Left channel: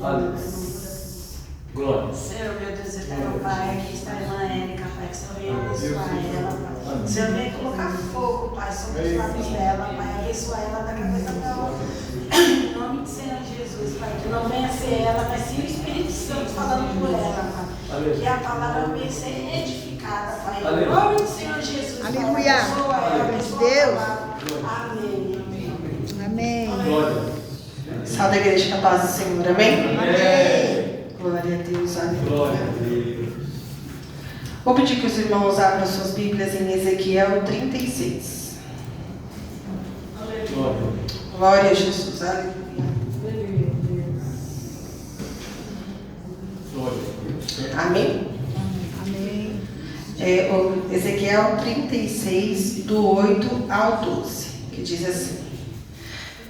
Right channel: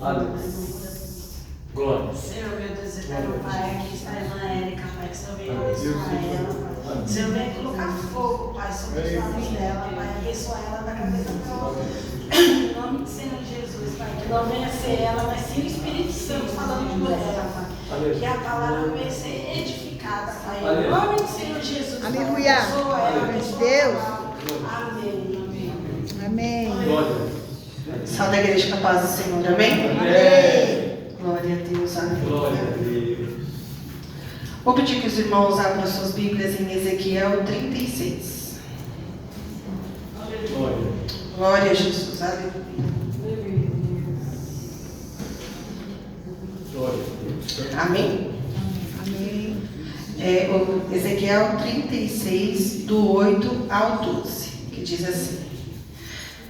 Aleluia. Glória. Senhor, meu Deus eterno, Pai, aqui está a irmã Érica, Pai, que o Senhor venha abençoar ela, Pai. O Senhor venha colocar fogo, Pai, sobre os lábios dela, Pai, abençoar ela da cabeça até o pé. Em nome do Senhor Jesus, Pai, que não venha ser ela, mas sim o Espírito Santo falando por ela, Pai. Aleluia. Que a palavra venha ser edificada, Pai. Aleluia. Em nome do Senhor Jesus, Aleluia. abençoa ela, Glória de abençoa Deus. ela. Amém. Amém. Glória. Salve a igreja com a paz do Senhor, amém? Amém. Glória a Deus, Glória a aleluia. Deus. Vou pedir que os irmãos abram suas Bíblias em Ezequiel 36. Glória. Glória a Jesus, aleluia. Glória a Deus. Amém? Amém. O Ezequiel 36, do 8 ao 12, que diz assim:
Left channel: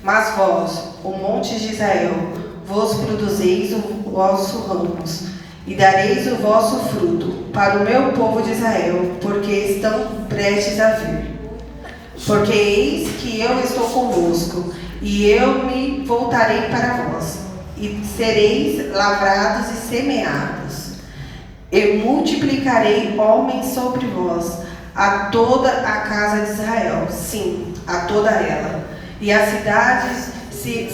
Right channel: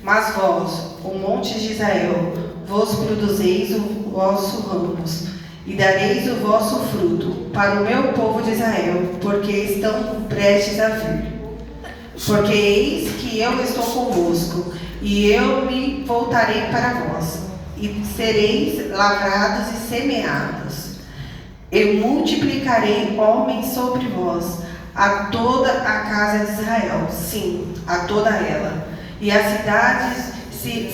Mas vós, o monte de Israel, vos produzeis o vosso ramos, e dareis o vosso fruto para o meu povo de Israel, porque estão prestes a vir. Porque eis que eu estou convosco, e eu me voltarei para vós, e sereis lavrados e semeados, e multiplicarei homens sobre vós, a toda a casa de Israel, sim, a toda ela, e as cidades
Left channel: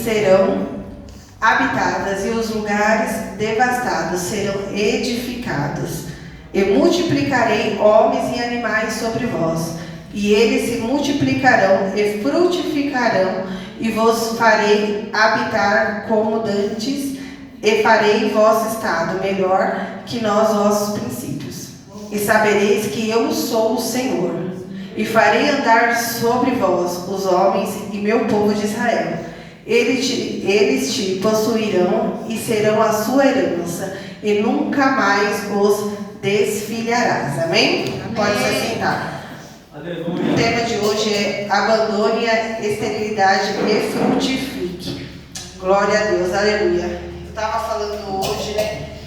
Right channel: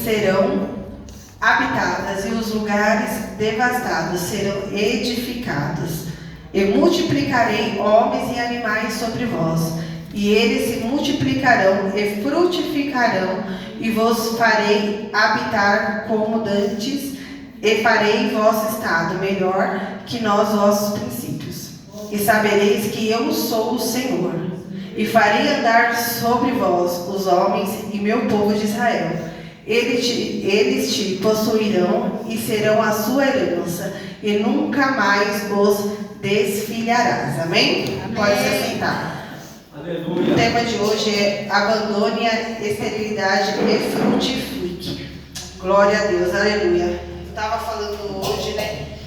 serão habitadas, e os lugares devastados serão edificados, e multiplicarei homens e animais sobre vós, e eles se multiplicarão e frutificarão, e vos farei habitar como dantes, e farei vosso estado melhor que nos vossos princípios. E sabereis que eu sou o Senhor, e farei andar sobre vós os homens e meu povo de Israel. Eles te possuirão e serão a sua herança, e nunca mais os desfilharás. Amém? Amém. Pode se assentar. Aleluia. O tema de hoje é abandone a esterilidade e frutifique. Glória a Deus, aleluia. Eu estava falando hoje, né,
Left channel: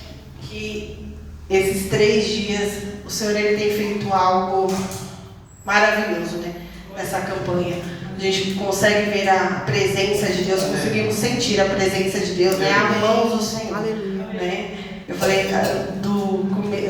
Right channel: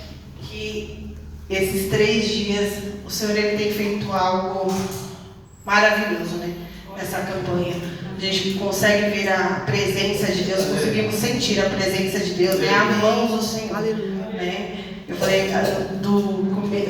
que esses 3 dias o Senhor ele tem feito algo maravilhoso, né, nessa campanha. A gente consegue ver a presença de Deus, conseguimos sentir a presença de Deus, né, a mão do Senhor. Aleluia. Né? Eu falei,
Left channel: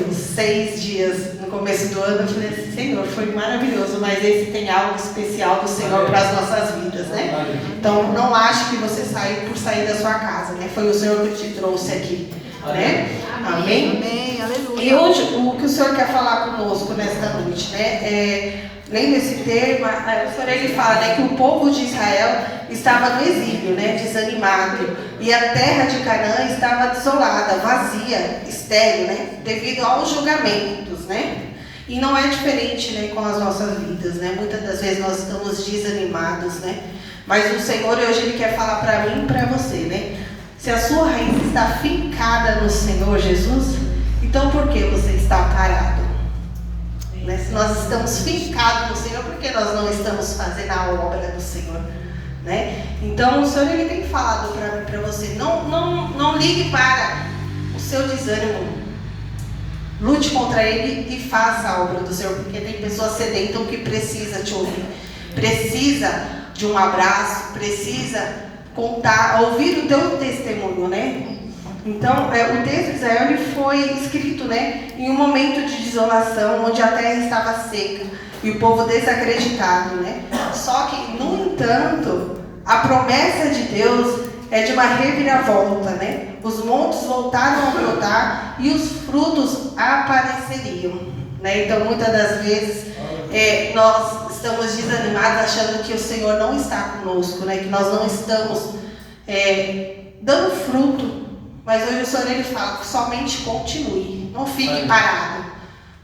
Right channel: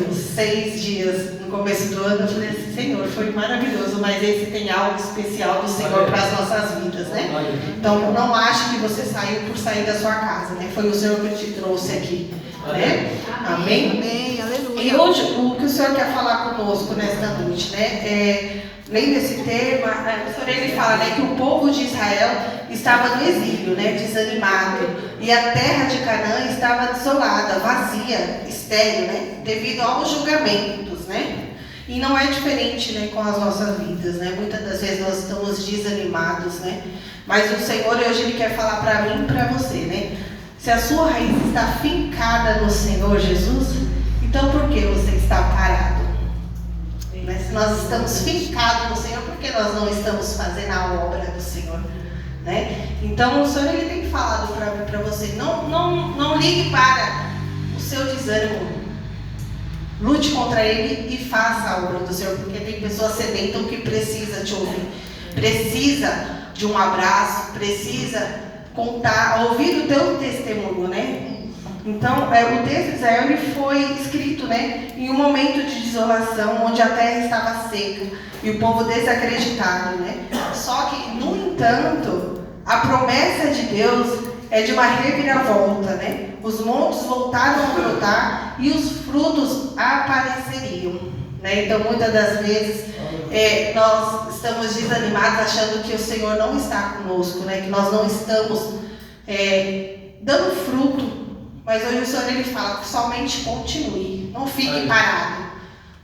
dos 6 dias no começo do ano, eu falei assim, Senhor, foi maravilhoso, mas esse tem algo especial do Senhor para as nossas vidas, né? Então, não ache que você saiu por sair da sua casa, né? Foi o Senhor que te trouxe aqui, né? Amém? Amém. E Aleluia. hoje, o que o Senhor quer falar conosco nesta noite, né? Lendo esse termo, o Senhor ele fala, né, que o povo de Israel estava no exílio, né, desanimado, e a terra de Canaã estava desolada, vazia, estéril, né, devido aos julgamentos, né? E não é diferente, né, com as nossas vidas, né? Muitas das vezes nós estamos desanimados, né? Mas o Senhor hoje ele quer falar para mim e para você, né? Se a sua raiz está fincada no Senhor Jesus, então por que você está parado? Né? Se nós estamos fincados no Senhor, por que nós não estamos fazendo a obra do Senhor? Né? Então o Senhor ele tem falado para você, não ligue para o seu desânimo, lute contra ele e faça a obra do Senhor, porque tem pessoas sedentas que precisam te ouvir, precisa de um abraço, precisa ouvir o teu testemunho, né? Então, o texto de Israel ele foi escrito, né, em um momento de desolação, onde a terra estava seca e o povo desacreditado, né? Só que, no entanto, a promessa de Deus é de uma reviravolta, né? Os montes voltaram a brotar e os frutos apareceriam, né? Então, muitas das vezes, nós estamos desanimados, achando que o Senhor não está conosco, né? Que nós não estamos dando fruto. Mas hoje o Senhor ele fala que somente continue, não fique parado.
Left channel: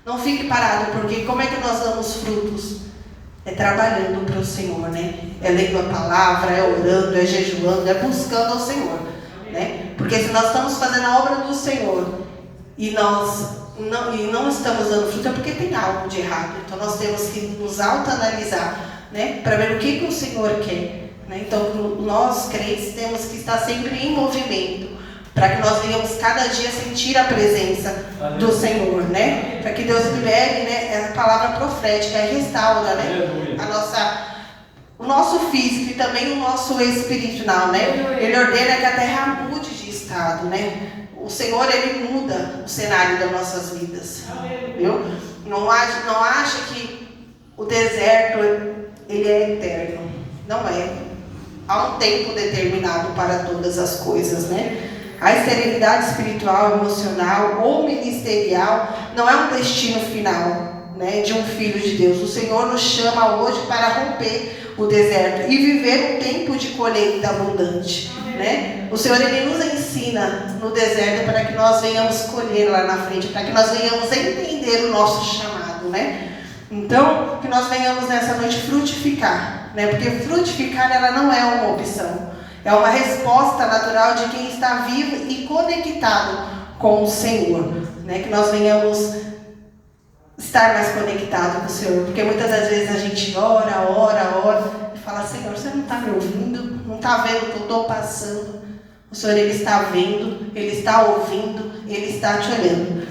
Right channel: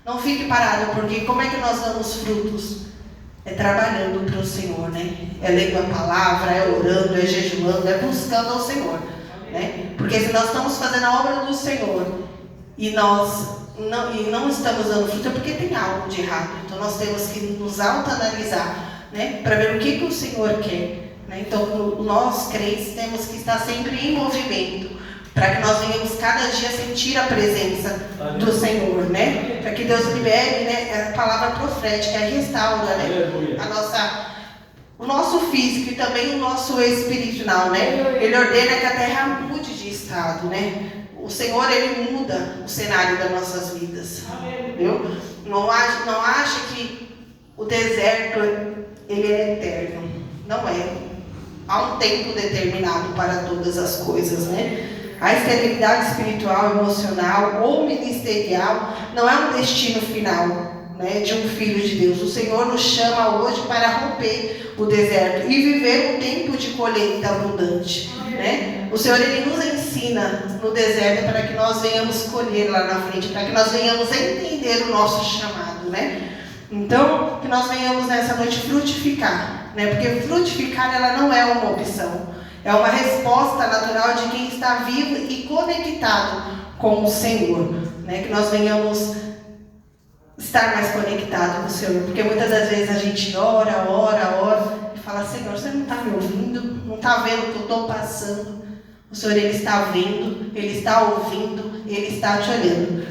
Não fique parado, porque como é que nós damos frutos? É trabalhando para o Senhor, né? É lendo a palavra, é orando, é jejuando, é buscando ao Senhor, né? Porque se nós estamos fazendo a obra do Senhor e nós não estamos dando fruto, é porque tem algo de errado. Então nós temos que nos autoanalisar, né? Para ver o que o Senhor quer, né? Então nós crentes temos que estar sempre em movimento, para que nós venhamos cada dia sentir a presença do Senhor, né? Para que Deus libere, né, a palavra profética, restaura, né, o nosso físico e também o nosso espiritual, né? Ele ordena que a terra mude de estado. estado, né? O Senhor, Ele muda o cenário das nossas vidas, viu? Não acha que o deserto, ele é eterno. Não é. Há um tempo determinado para todas as coisas, né? A esterilidade espiritual, emocional ou ministerial não é um destino final, né, de um filho de Deus. O Senhor nos chama hoje para romper o deserto e viver um tempo de colheita abundante, né? O Senhor, Ele nos ensina no deserto para que nós venhamos colher lá na frente, para que nós venhamos entender o nosso chamado, né? Então, que nós venhamos nessa noite frutificar, né? Porque frutificar, ela não é uma opção, é uma resposta natural de quem está vivo e conectado com o Senhor, né? Que nós venhamos estar mais conectado com o Senhor, porque muitas das vezes a gente ora e fala: Senhor, você não está me ouvindo? Não está vendo o que eu estou passando? O Senhor, Ele está vendo, Ele está ouvindo, Ele está te olhando,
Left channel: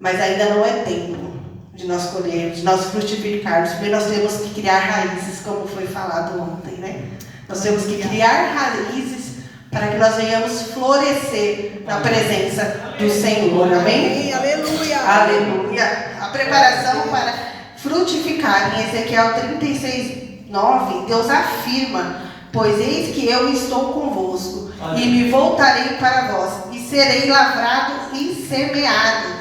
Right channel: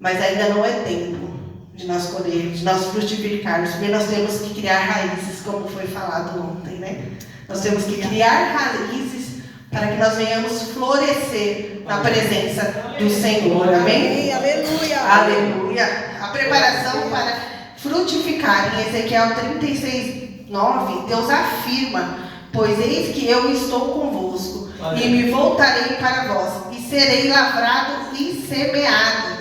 mas ainda não é tempo de nós colhermos, de nós frutificarmos, porque nós temos que criar raízes, como foi falado ontem, né? Nós temos que criar raízes para que nós venhamos florescer na presença do Senhor, amém? Aleluia. Aleluia. A preparação para frutificar, em Ezequiel 36:9, Deus afirma: pois eis que eu estou convosco, e me voltarei para vós, e serei lavrado e semeado.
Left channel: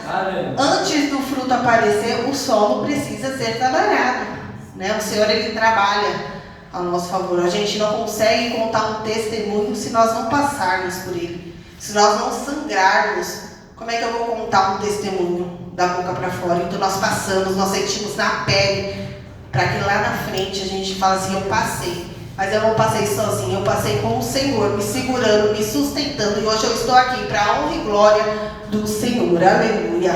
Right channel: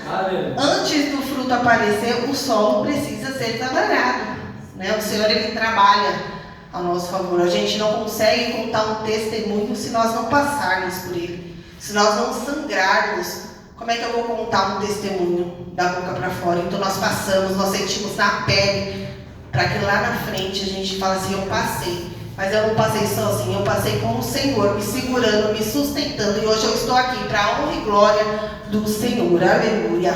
Antes do fruto aparecer, o solo precisa ser trabalhado, né? O Senhor, Ele trabalha a nosso favor. A gente não consegue contar um testemunho se nós não passarmos por ele, se nós não sangrarmos. Como é que eu vou contar um testemunho da boca para fora? Então nós passamos, nós sentimos na pele, para que lá na frente a gente fale assim: eu passei, mas eu não passei sozinho, eu passei com o Senhor me segurando, me sustentando, e hoje eu estou aqui para a honra e glória do Senhor, aleluia,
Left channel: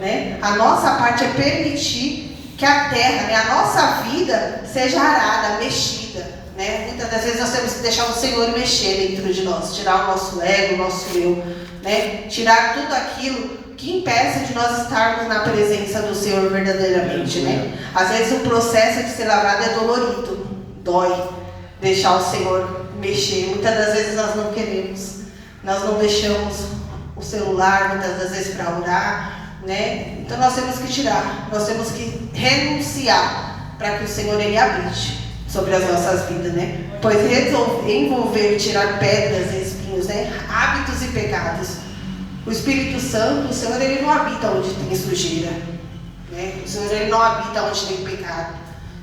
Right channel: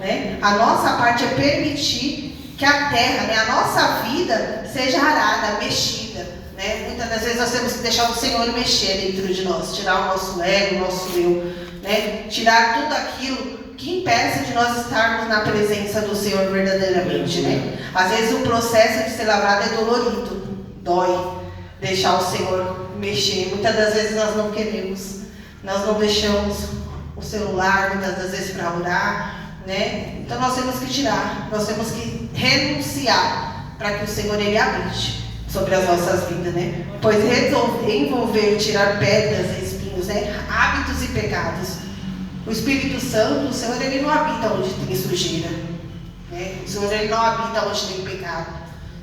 né? A nossa parte é permitir que a terra, né, a nossa vida seja arada, mexida, né? Muitas das vezes nós temos que deixar o Senhor mexer dentro de nós, tirar o nosso ego, o nosso eu, né? Tirar tudo aquilo que impeça de nós estarmos na presença do Senhor verdadeiramente, né? Às vezes o processo de ser lavrado é dolorido, dói deixar o Senhor mexer. Muitas das vezes nós não queremos, nós não deixamos o celular muitas das vezes para orar, né? Então nós temos que tirar, nós temos que renunciar para que o Senhor, Ele habite sobre as nossas vidas, né? Pois envolver, tirar pedras e espinhos, né? Hábitos e pecados. O Espírito Santo, o Senhor, Ele não habita onde tem sujeira, né? O Senhor, Ele não habita onde tem pecado.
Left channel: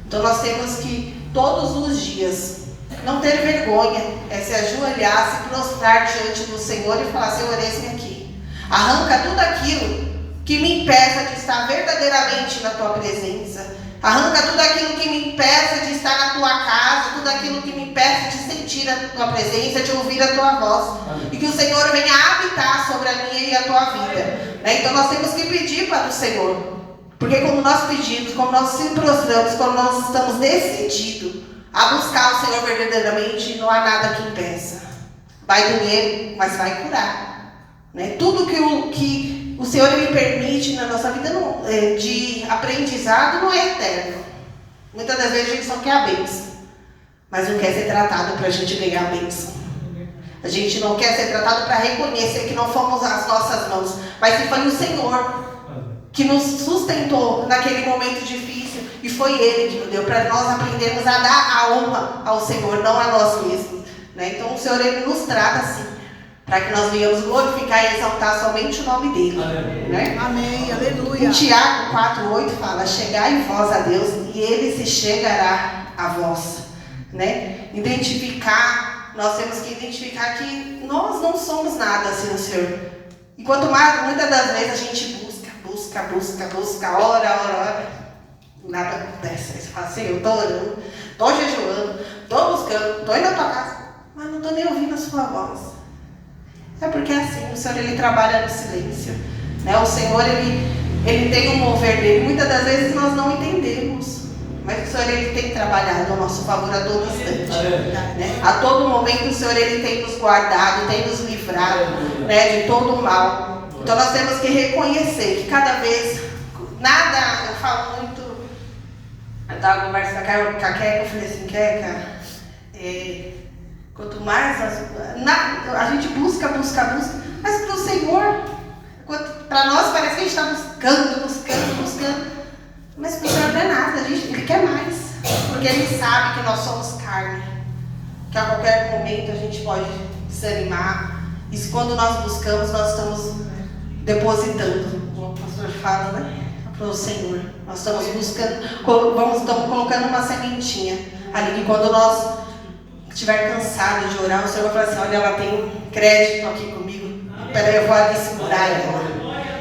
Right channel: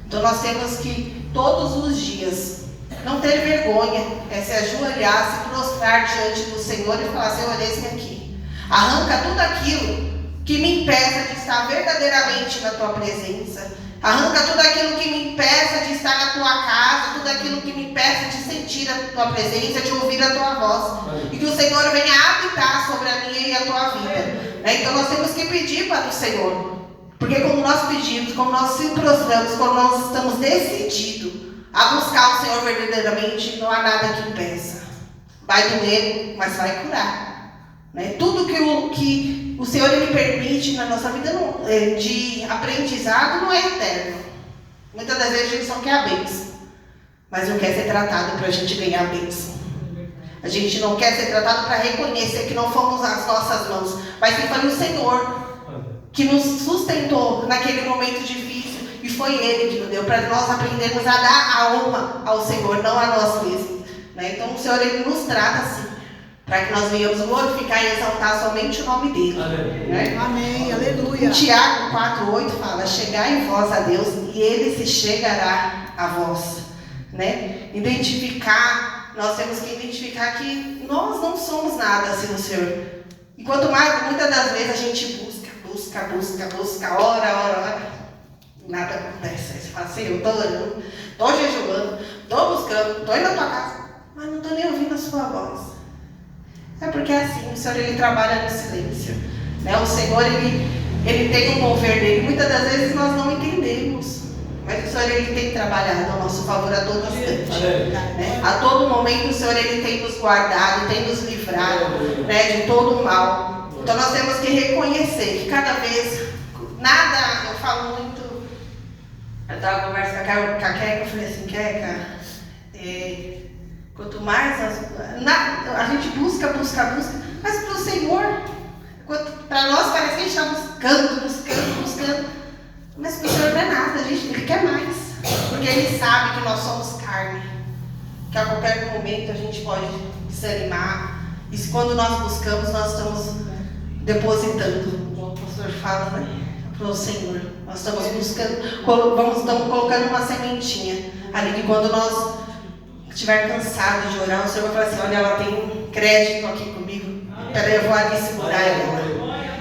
Então nós temos que todos os dias não ter vergonha, se ajoelhar, se prostrar diante do Senhor e falar: Senhor, eis-me aqui. Arranca tudo aquilo que me impeça de estar verdadeiramente na tua presença. Arranca tudo aquilo que me impeça de estar na tua casa, tudo aquilo que me impeça de sentir a tua presença, de ouvir a tua voz. E que o Senhor venha habitar sobre a minha e a tua vida, né? Então nós temos que pedir para o Senhor, porque como nós pedimos, como nós se prostramos, quando nós estamos decididos a buscar o Senhor verdadeiramente, não há nada que impeça. Vai doer, mas vai curar, né? Tudo que o Senhor, Ele permite na nossa vida de aprendizado não é eterno. Muitas das vezes a gente só quer a bênção, mas não quer ser tratado para a gente ganhar a bênção. A gente não quer ser tratado para reconhecer que não fomos as nossas mãos, mas que foi o Senhor que nos sustentou naquele momento difícil, e foi Ele que nos deu, para nós aprendermos a dar a honra ao Senhor, não a nós mesmos, né? Então o Senhor, Ele nos trata assim, para que nós venhamos glorificar e exaltar somente o nome dEle, né? Amém, aleluia. Em Tiago 4:8 fala: chegai vós a Deus e Ele se chegará a vós, né? Nós temos que identificar que nós não somos nada sem o Senhor. E quanto mais, muitas das vezes a gente busca, ora, nada acontece. Aí você fala assim: eu estou orando, estou jejuando, estou buscando, estou indo na tua casa, mas não estou nem ouvindo a sua voz. É porque assim, o Senhor, Ele trabalha no silêncio, né? O Senhor, Ele tem um mover dele. Muitas das vezes nós não entendemos, mas o Senhor, Ele tem trabalhado a nosso favor a todo instante, né? A todo momento o Senhor, Ele tem nos guardado, tem nos livrado, né, de todo o mal. Então nós temos que reconhecer que cada vez, nada, eu falo muito, eu estava conversando com a Keca, eu falei assim: Keca, quanto mais a gente busca, buscando. Mas para o Senhor não é nada, Ele quer mais. Porque Ele sabe que nós somos carne. Que a qualquer momento a gente pode desanimar. E quando nós buscamos, nós estamos depositando, como o pastor fala, né? Para o Senhor. Nós estamos buscando, estamos colocando uma sementinha ali que quando nós estiver cansado de orar, o Senhor vai falar assim: olha, ela tem crédito aqui comigo. Peraí, eu vou ali segurar ela.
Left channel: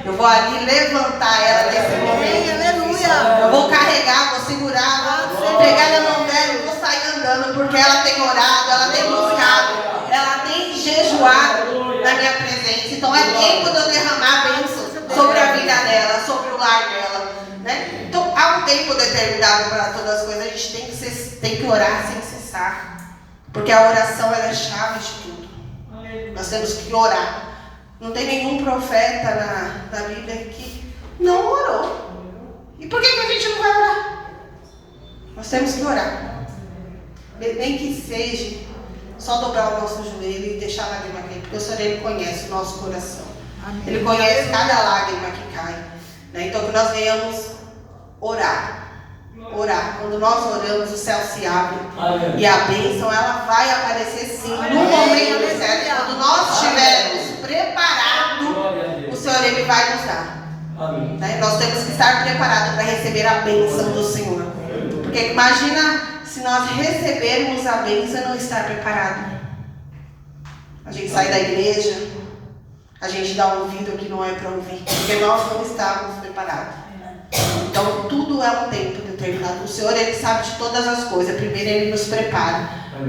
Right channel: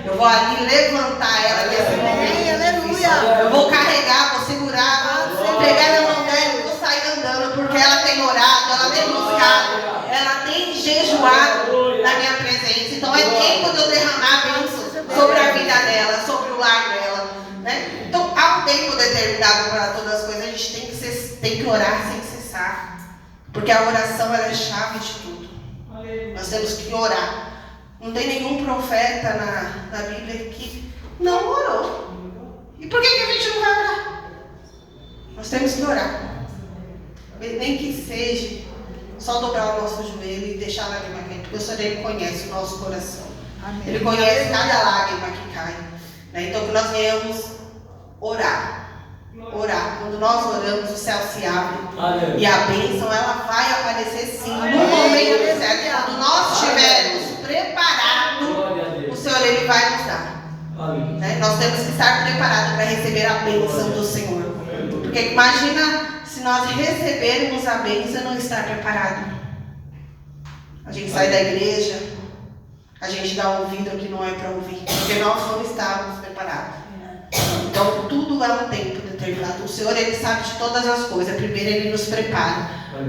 Eu vou ali levantar ela nesse momento. Aleluia. Eu vou carregar, vou segurar, vou pegar na mão dela e vou sair andando, porque ela tem orado, ela tem buscado, ela tem jejuado na minha presença. Então é tempo de eu derramar a bênção sobre a vida dela, sobre o lar dela, né? Então há um tempo determinado para todas as coisas. A gente tem que orar sem cessar, porque a oração ela é a chave de tudo. Nós temos que orar. Não tem nenhum profeta na Bíblia que não orou. E por que a gente não vai orar? Nós temos que orar. Nem que seja só dobrar o nosso joelho e deixar a lágrima cair, porque o Senhor Ele conhece o nosso coração. Amém. Ele conhece cada lágrima que cai, né? Então que nós venhamos orar. Orar. Quando nós oramos, o céu se abre. Aleluia. E a bênção ela vai aparecer sim no momento certo. Quando nós estivermos preparados, o Senhor Ele vai nos dar. Né? Nós temos que estar preparados para receber a bênção do Senhor. Porque imagina se nós recebermos a bênção e não estar preparado. A gente sai da igreja, a gente dá ouvido ao que não é para ouvir, porque nós não estávamos preparados. Então tudo é um tempo determinado. O Senhor Ele sabe de todas as coisas. Primeiro Ele nos prepara,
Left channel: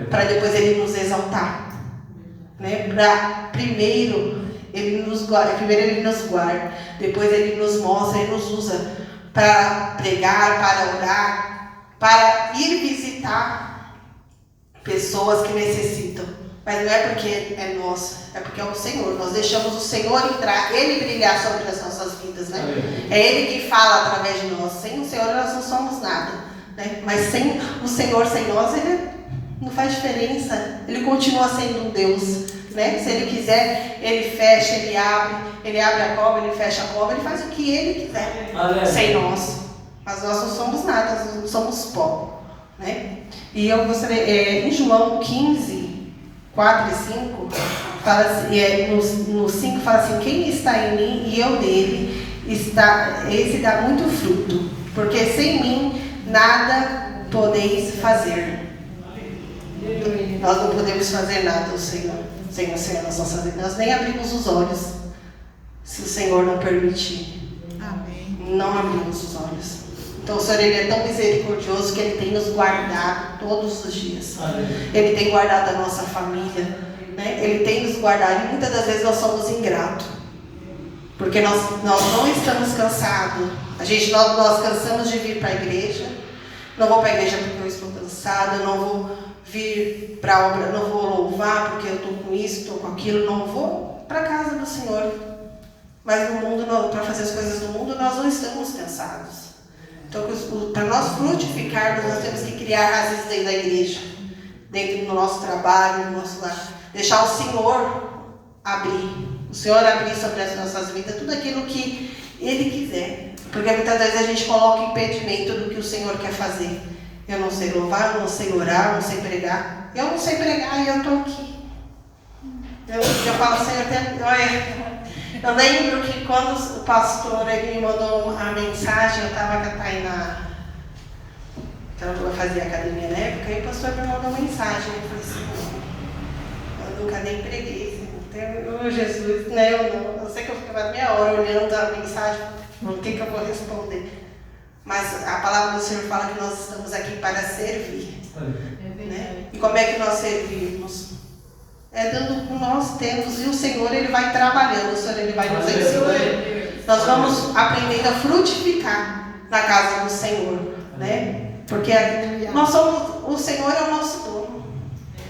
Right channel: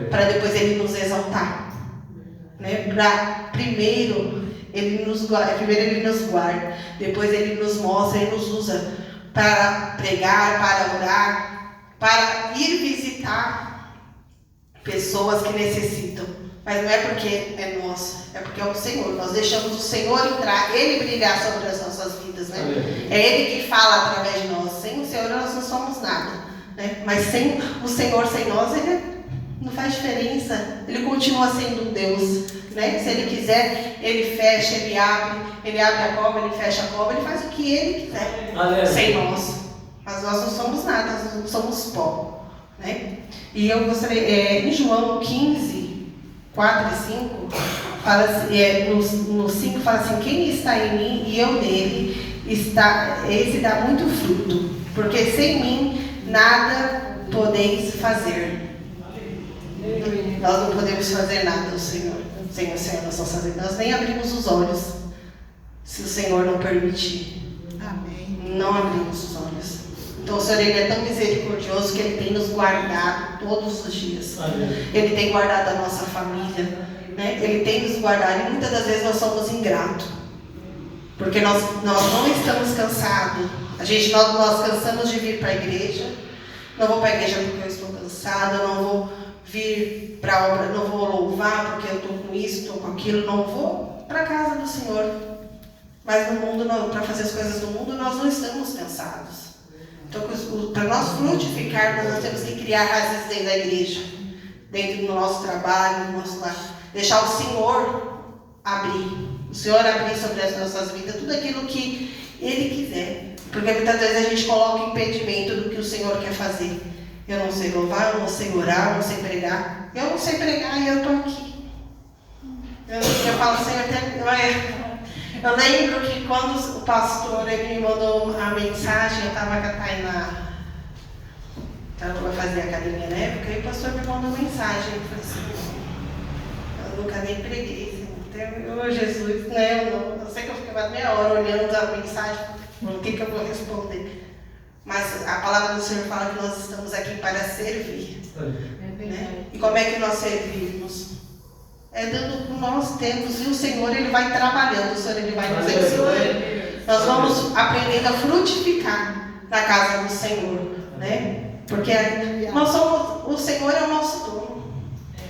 para depois Ele nos exaltar, né? Primeiro Ele nos guarda, depois Ele nos mostra e nos usa para pregar, para orar, para ir visitar pessoas que necessitam. Mas não é porque é nosso, é porque é o Senhor. Nós deixamos o Senhor entrar, Ele brilhar sobre as nossas vidas, né? É Ele que fala através de nós. Sem o Senhor nós não somos nada, né? Mas sem o Senhor, sem nós, Ele não faz diferença. Ele continua sendo um Deus, né? Se Ele quiser, Ele fecha, Ele abre a cova, Ele fecha a cova, Ele faz o que Ele quiser. Sem nós. Mas nós não somos nada, nós não somos pó, né? E eu gostaria, em João 15, 4 e 5, fala assim, no 5 fala assim: quem está em mim e eu nele, esse dá muito fruto, porque sem mim nada podeis fazer. Nós não podemos fazer nada, Senhor, sem o Senhor nas nossas vidas. Nós nem abrimos os olhos, se o Senhor não permitir. Amém. Não abrimos os olhos. Então o Senhor Ele é tão misericordioso que Ele tem nos guardado todos os dias. Ele tem guardado a nossa família, né? Ele tem nos guardado, e muitas das vezes nós somos ingratos, porque nós não estamos cansados. Nós cansamos de vir para a igreja. Não vou para a igreja porque eu estou cansada, não vou vir para a obra, não vou louvar porque eu estou com isso, estou com aquilo, não vou para a casa do Senhor. Mas no mundo, para fazer as coisas do mundo, nós não estamos cansados. Então, para nós frutificarmos, nós temos que criar raízes dentro da igreja, dentro do nosso trabalho, no nosso lar. Deixar o Senhor abrir. O Senhor abrir sobre as nossas vidas tudo aquilo que Ele quiser. Porque muitas vezes a gente coloca impedimento do que o Senhor quer fazer. Eu não sei louvar, eu não sei orar, eu não sei pregar. Eu não sei pregar e eu estou aqui. Eu falo, Senhor, eu lembro que quando o pastor ele me mandou a mensagem, eu estava com a Tainá, eu fazia academia na época, e o pastor me mandou mensagem. Eu falei assim: eu nunca nem preguei. Então, Jesus, né? Eu sei que eu ficava meia hora olhando a mensagem, o que eu vou responder. Mas a palavra do Senhor fala que nós estamos aqui para servir. Né? E como é que nós servimos? É dando o que nós temos, e o Senhor Ele vai trabalhando, o Senhor Ele vai nos ensinando. Nós vamos aprendendo a frutificar na casa do Senhor, né? Porque nós somos, o Senhor é o nosso dono.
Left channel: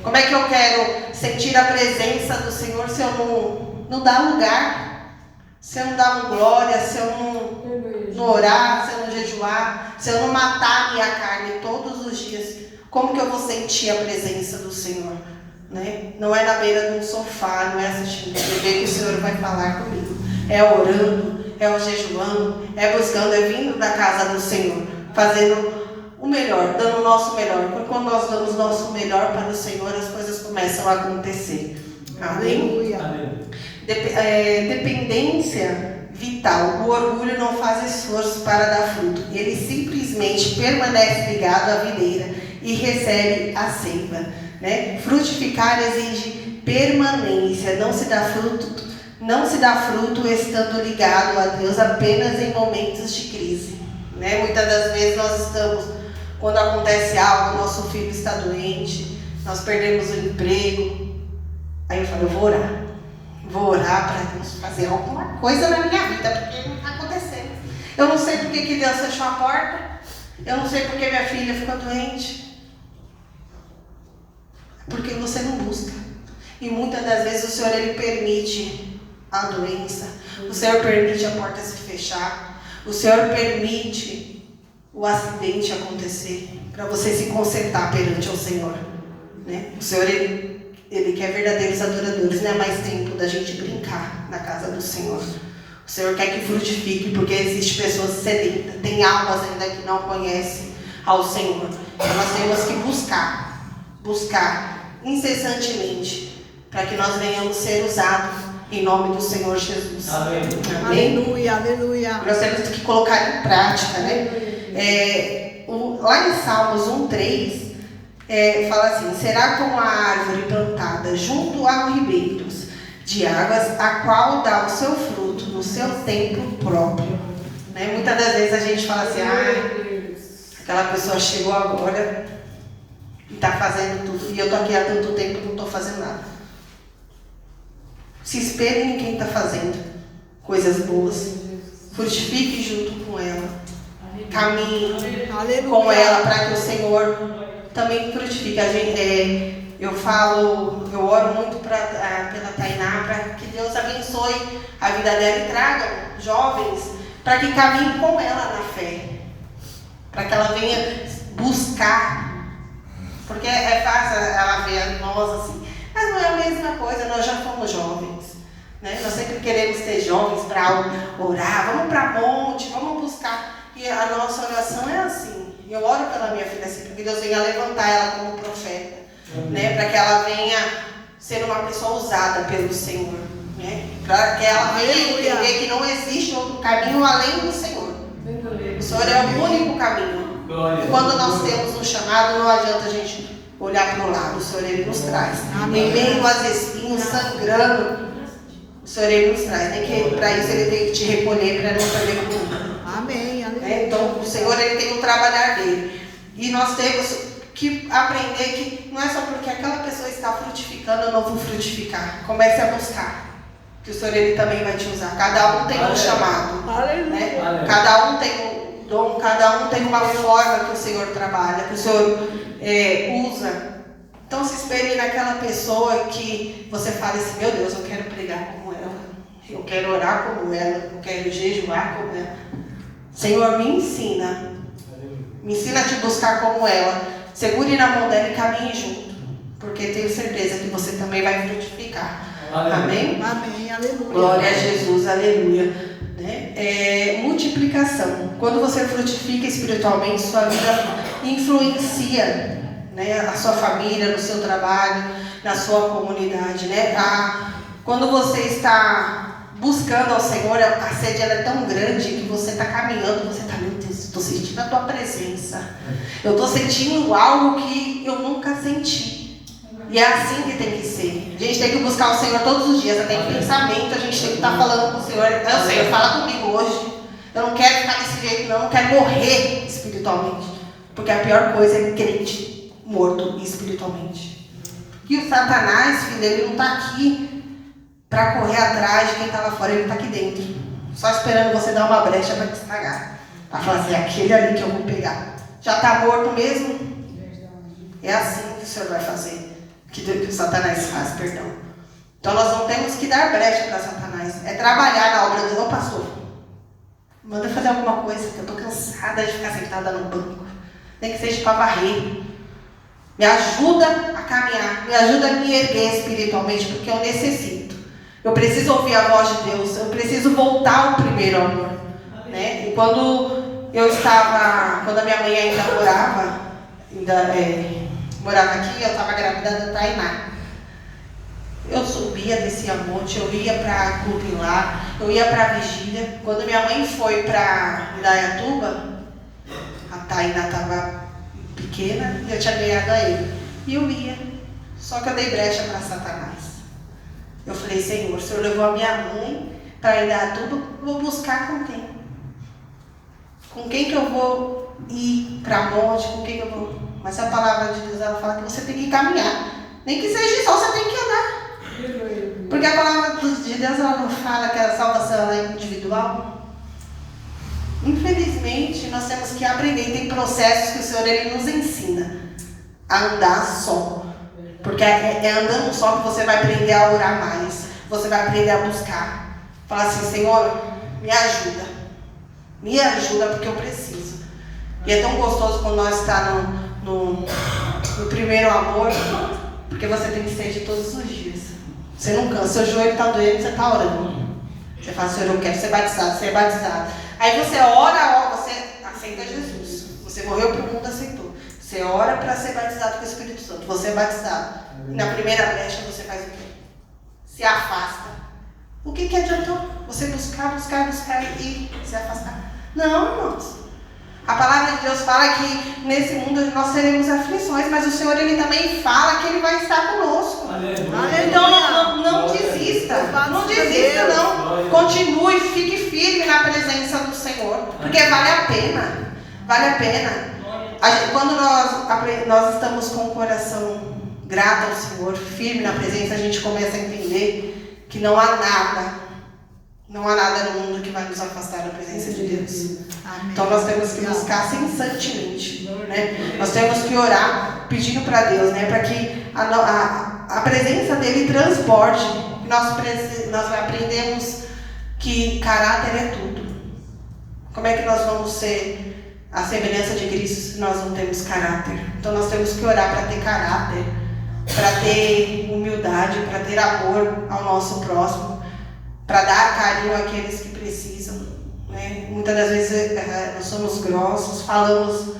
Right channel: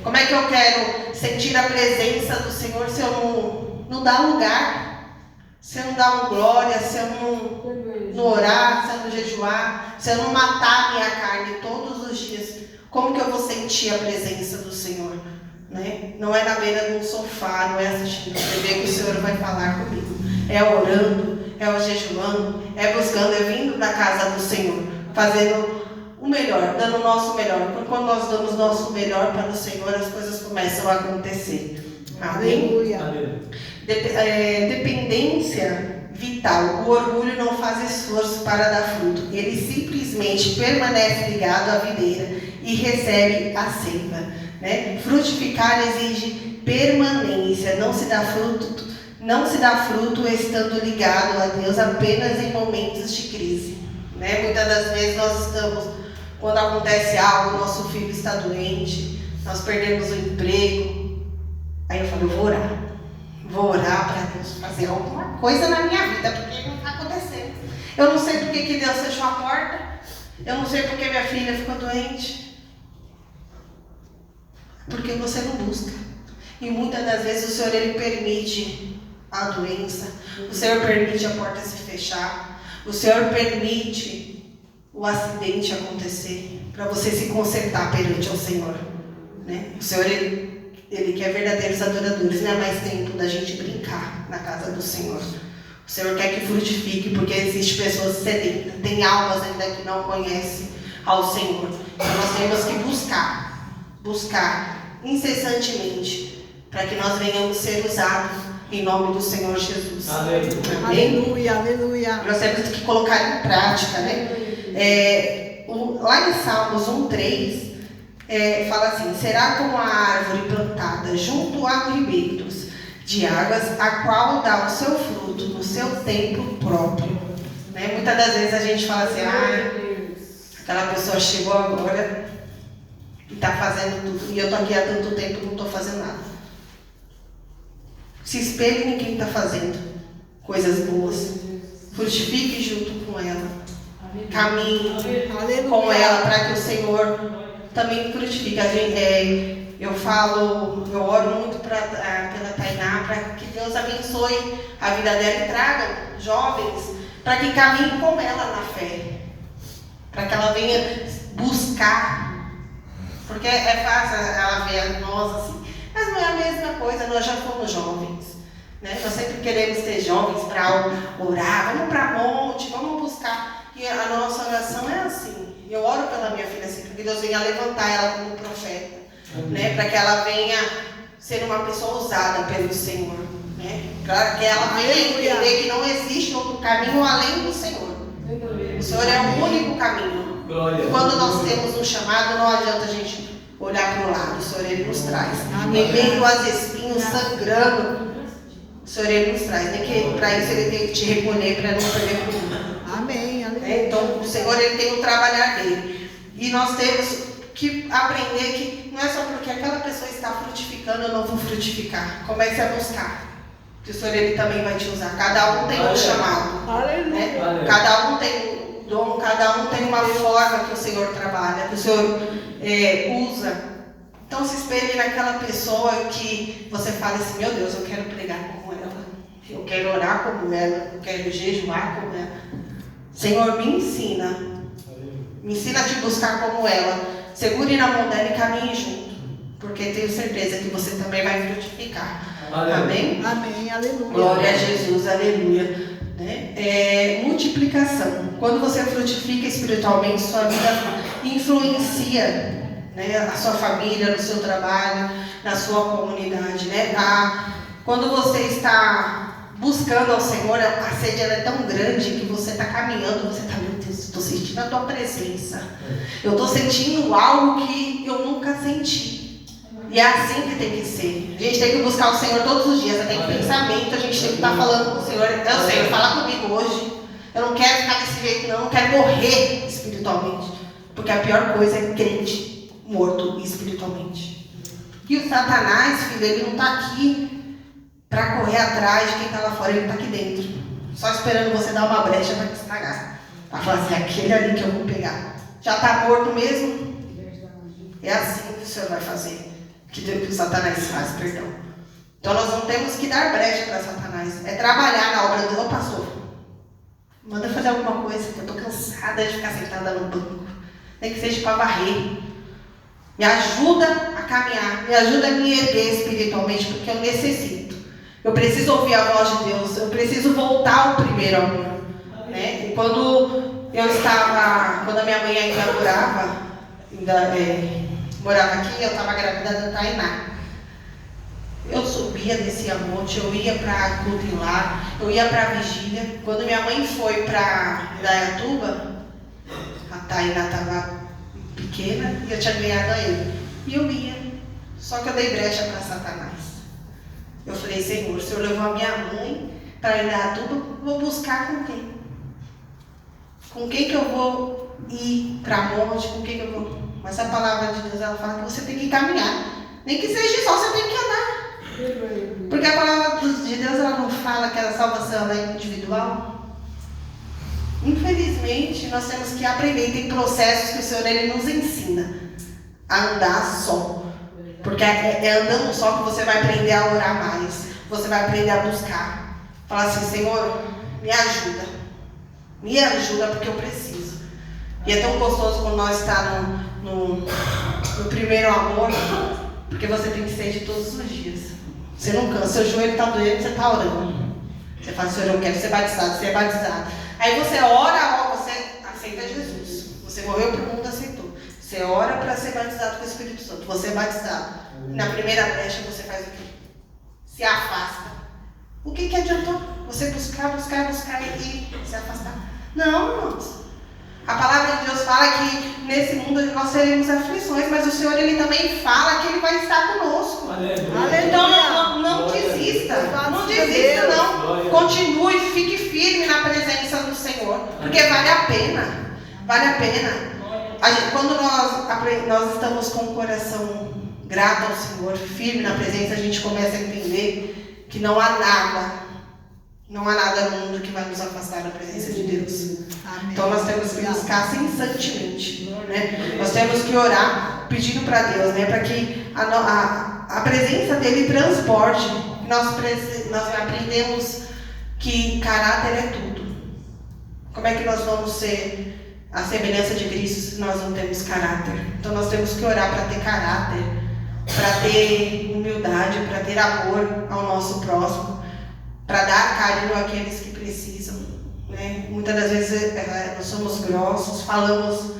Como é que eu quero sentir a presença do Senhor se eu não dar lugar, se eu não dar glória, se eu não orar, se eu não jejuar, se eu não matar a minha carne todos os dias? Como que eu vou sentir a presença do Senhor? Né? Não é na beira de um sofá, não é assistindo TV que o Senhor vai falar comigo. É orando, é o jejuando, é buscando, é vindo da casa do Senhor, fazendo o melhor, dando o nosso melhor. Porque quando nós damos o nosso melhor para o Senhor, as coisas começam a acontecer. Amém? Aleluia. Dependência vital. O orgulho não faz esforço para dar fruto. Ele simplesmente permanece ligado à videira e recebe a seiva, né? Frutificar exige permanência. Não se dá fruto estando ligado a Deus apenas em momentos de crise, né? Muitas das vezes nós estamos, quando acontece algo, nosso filho está doente, nós perdemos o emprego. Aí eu falo, eu vou orar para Deus fazer alguma coisa na minha vida, porque não está acontecendo. Eu não sei porque que Deus fechou a porta, eu não sei porque minha filha ficou doente. Porque você não busca. E muitas das vezes o Senhor, Ele permite a doença, o Senhor permite a porta se fechar, o Senhor permite o acidente acontecer, para você se consertar perante o Senhor, né? O Senhor, Ele quer verdadeiros adoradores, não é mais tempo da gente brincar na casa do Senhor. O Senhor quer que frutifique, porque existem pessoas sedentas, tem almas ainda que não conhecem ao Senhor. Então nós temos que buscar incessantemente, para que nós venhamos ser usados em nome do Senhor Jesus. Amém. Aleluia, aleluia. Nós temos que colocar em prática, né? Lá em Salmos 1:3, fala assim: será como a árvore plantada junto a ribeiros de águas, a qual dá o seu fruto no seu tempo próprio. Né? Muitas das vezes a gente fala assim: aquela pessoa chegou agora e está fazendo tudo, e eu estou aqui há tanto tempo e não estou fazendo nada. Se espelhe em quem está fazendo coisas boas, frutifique junto com ela, caminhe com ela, para que o Senhor também frutifique. Eu oro muito pela Tainá, para que Deus abençoe a vida dela e traga jovens para que caminhem com ela na fé, para que ela venha buscar, porque é fácil ela ver nós assim, mas não é a mesma coisa. Nós já fomos jovens, né? Nós sempre queremos ter jovens para orar, vamos para monte, vamos buscar, e a nossa oração é assim. Eu oro pela minha filha assim, porque Deus venha levantar ela como profeta, né? Para que ela venha ser uma pessoa usada pelo Senhor, né? Para que ela venha entender que não existe outro caminho além do Senhor. O Senhor é o único caminho. Quando nós temos um chamado, não adianta a gente olhar para o lado. O Senhor, Ele nos traz. Em meio aos espinhos sangrando, o Senhor, Ele nos traz. Nem que para isso Ele tem que te recolher para não perder o mundo. Amém, aleluia. Então, o Senhor, Ele tem um trabalhar dele. E nós temos que aprender que não é só porque aquela pessoa está frutificando, eu não vou frutificar. Comece a buscar, que o Senhor, Ele também vai te usar. Cada um tem um chamado, né? Cada um tem um dom, cada um tem uma forma que o Senhor trabalha, que o Senhor usa. Então se espelhe naquela pessoa que você fala assim: meu Deus, eu quero pregar como ela, eu quero orar como ela, eu quero jejuar como ela. Senhor, me ensina a te buscar como ela. Segure na mão dela e caminhe junto, porque tenho certeza que você também vai frutificar. Amém? Amém, aleluia. Glória a Jesus, aleluia. Né? Multiplicação. Quando você frutifica espiritualmente, sua vida influencia, né, a sua família, no seu trabalho, na sua comunidade, né? Quando você está buscando ao Senhor, a sede ela é tão grande que você está caminhando, você está, meu Deus, estou sentindo a tua presença, eu estou sentindo algo que eu nunca senti. E é assim que tem que ser. A gente tem que buscar o Senhor todos os dias, até em pensamento a gente tem que estar falando com o Senhor. Eu sei, fala comigo hoje, eu não quero ficar desse jeito, não, eu não quero morrer espiritualmente, porque a pior coisa é crente morto espiritualmente. E o Satanás, filho, ele não está aqui para correr atrás de quem está lá fora, ele está aqui dentro, só esperando você dar uma brecha para te estragar, para falar assim: aquele ali que eu vou pegar já está morto mesmo. É assim que o Senhor vai fazer, que o Satanás faz, perdão. Então nós não temos que dar brecha para Satanás, é trabalhar na obra de Deus. Ô pastor, manda fazer alguma coisa, que eu estou cansada de ficar sentada no banco, nem que seja para varrer. Me ajuda a caminhar, me ajuda a me erguer espiritualmente, porque eu necessito. Eu preciso ouvir a voz de Deus, eu preciso voltar ao primeiro amor. Quando a minha mãe ainda morava aqui, eu estava grávida da Tainá. Eu subia, descia monte, eu ia para Clube Lar, eu ia para vigília. Quando minha mãe foi para Indaiatuba, a Tainá estava pequena e eu tinha ganhado a ele. E eu ia, só que eu dei brecha para Satanás. Eu falei, Senhor, o Senhor levou a minha mãe para Indaiatuba, vou buscar com quem? Com quem que eu vou ir para monte, com quem que eu vou... Mas a palavra de Deus, ela fala que você tem que caminhar. Nem que seja só, você tem que andar. Porque a palavra de Deus, ela não fala que a salvação é individual. Infelizmente, nós temos que aprender. Tem processos que o Senhor ele nos ensina a andar só. Porque é andando só que você vai aprender a orar mais. Você vai aprender a buscar. Falar assim, Senhor, me ajuda. Me ajuda porque eu preciso. E é tão gostoso quando nós estamos no primeiro amor, porque você tem que ser de todos os dias. Você não cansa, seu joelho está doendo, você está orando. Você fala, Senhor, eu quero ser batizado, você é batizado. Aí você ora, você aceita Jesus. Você morreu para o mundo, aceitou. Você ora para ser batizado com o Espírito Santo, você é batizado. Na primeira brecha você faz o quê? Se afasta. O que adiantou? Você buscar e se afastar. Não, irmãos. A palavra de Deus fala que nesse mundo nós teremos aflições, mas o Senhor ele também fala que ele vai estar conosco. Aleluia. Então não desista. Não desista, não. Continue, fique firme na presença do Senhor. Porque vale a pena. Vale a pena. Quando nós estamos com o coração grato ao Senhor, firme na presença, a gente começa a entender que não há nada no mundo que vai nos afastar da presença de Deus. Amém. Então nós temos que buscar incessantemente, né? Nós temos que orar pedindo para Deus, né? Para que a presença dele transporte. Nós aprendemos que caráter é tudo. Como é que nós vamos ser a semelhança de Cristo se nós não temos caráter? Então nós temos que orar para ter caráter, para ter humildade, para ter amor ao nosso próximo, para dar carinho àqueles que precisam, né? Muitas das vezes nós somos grossos, falamos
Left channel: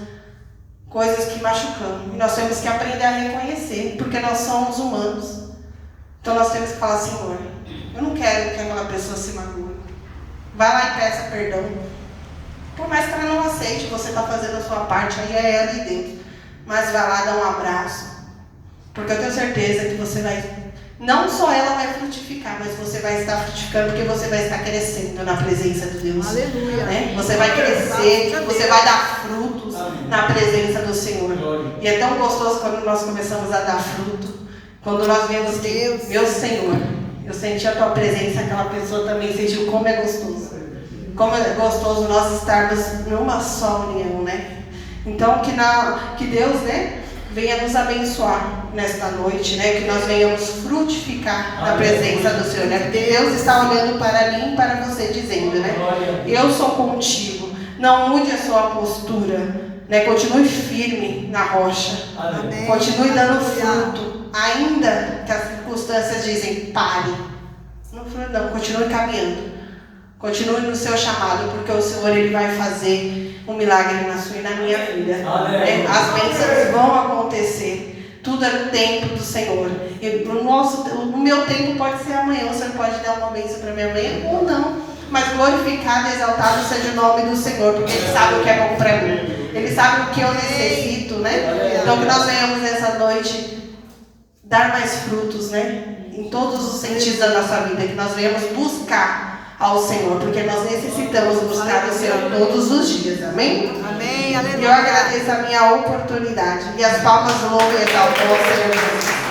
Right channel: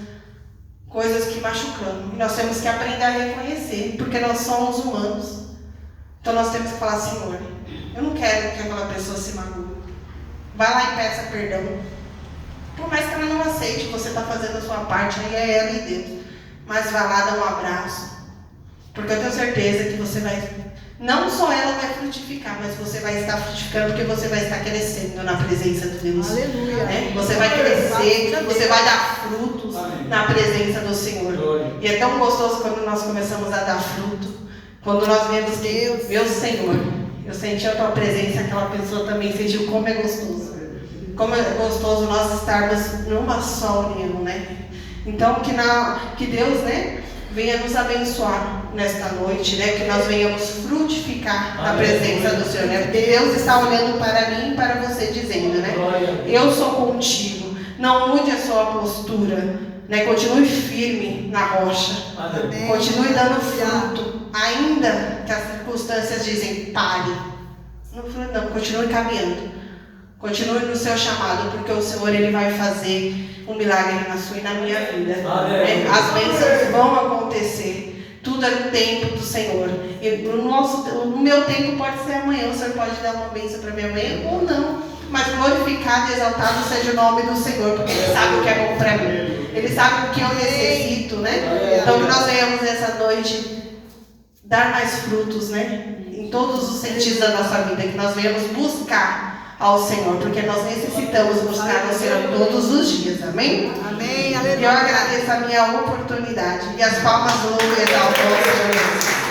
coisas que machucam. E nós temos que aprender a reconhecer, porque nós somos humanos. Então nós temos que falar, Senhor, eu não quero que aquela pessoa se magoe. Vai lá e peça perdão. Por mais que ela não aceite, você está fazendo a sua parte, aí é ela e Deus. Mas vai lá dar um abraço. Porque eu tenho certeza que você vai... Não só ela vai frutificar, mas você vai estar frutificando, porque você vai estar crescendo na presença de Deus. Aleluia. Né? Você vai crescer, você vai dar frutos na presença do Senhor. E é tão gostoso quando nós começamos a dar fruto. Quando nós vemos que, meu Senhor, eu senti a tua presença, aquela pessoa também sentiu como é gostoso. Como é gostoso nós estarmos numa só união, né? Então, que Deus, né, venha nos abençoar nesta noite, né? Que nós venhamos frutificar na presença do Senhor, né? Porque Deus está olhando para mim e para você, dizendo, né? Eu sou contigo. Não mude a sua postura, né? Continue firme na rocha. Amém. Continue dando fruto, ainda que as circunstâncias dizem pare. Não, continue caminhando. Continue no seu chamado, porque o Senhor ele vai fazer um milagre na sua e na minha vida. Né? As bênçãos vão acontecer. Tudo é no tempo do Senhor. E no meu tempo pode ser amanhã. O Senhor pode dar uma bênção para mim amanhã ou não. Mas glorificado e exaltado seja o nome do Senhor, porque Ele sabe o que é bom para mim. Ele sabe o que eu necessito, né? Então que nós venhamos nessa noite dar mais frutos, né? Em todos os sentidos da nossa vida. Que nós venhamos buscar ao Senhor, porque nós necessitamos buscar o Senhor todos os dias, amém? Amém, aleluia. E eu agradeço a minha oportunidade e as palmas louvam e exaltam ao Senhor Jesus.